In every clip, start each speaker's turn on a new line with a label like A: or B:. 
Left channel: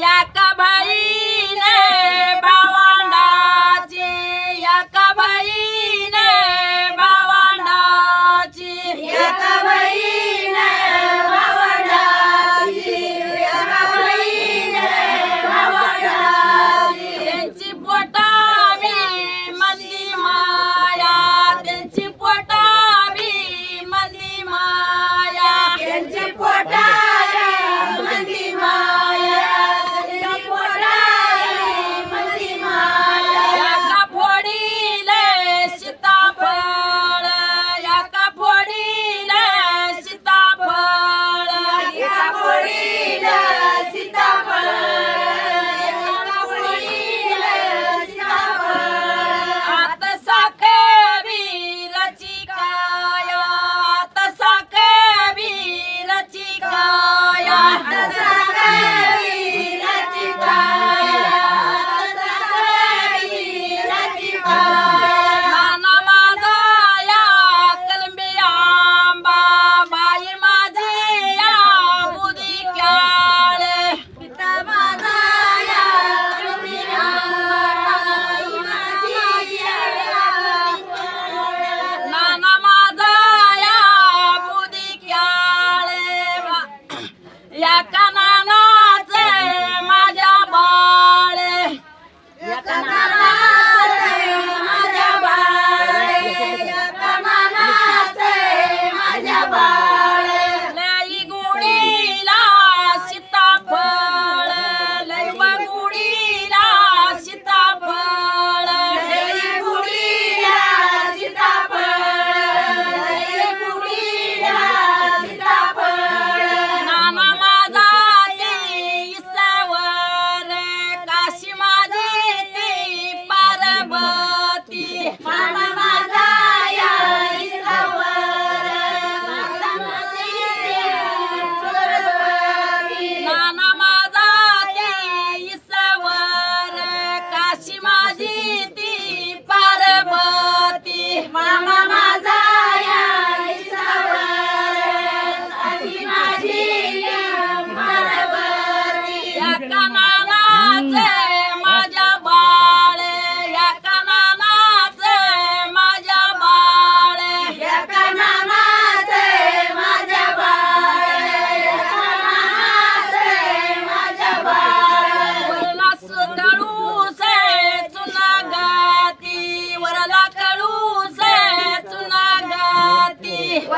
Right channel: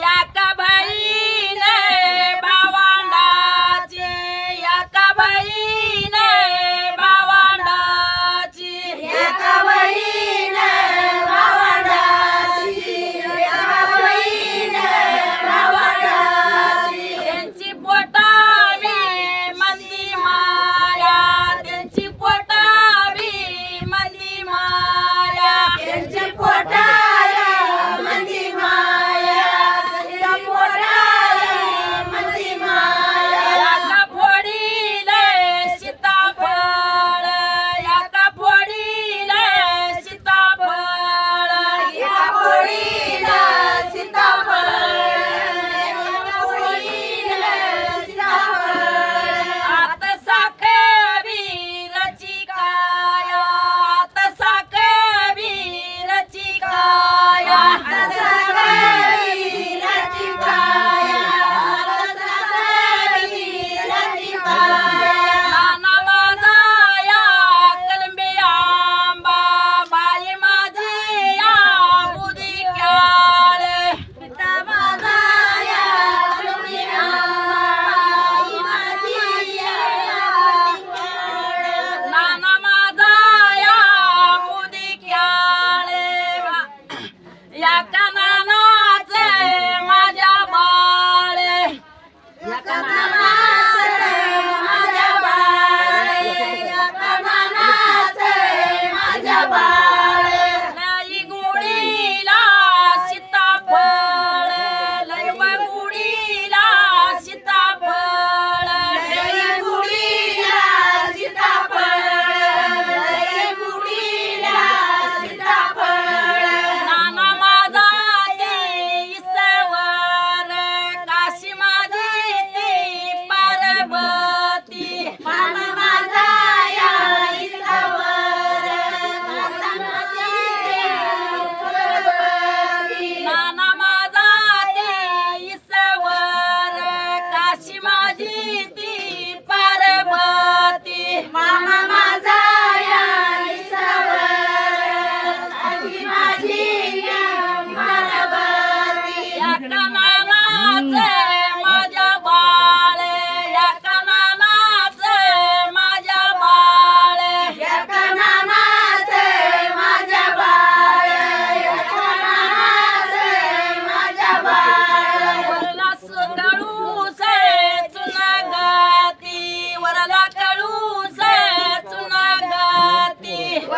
A: la caballa.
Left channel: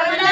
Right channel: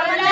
B: Hola.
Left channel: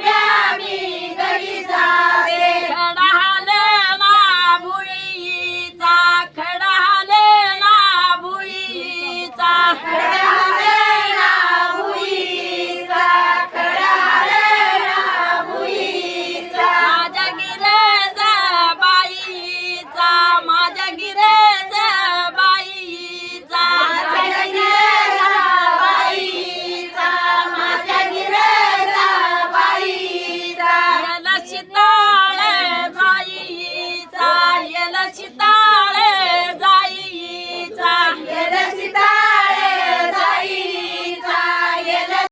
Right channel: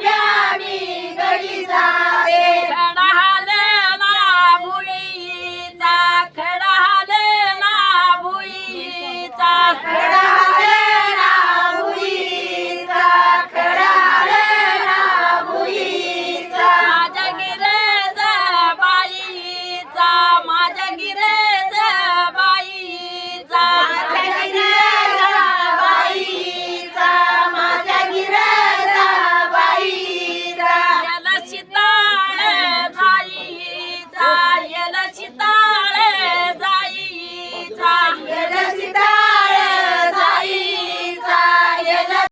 B: rupiah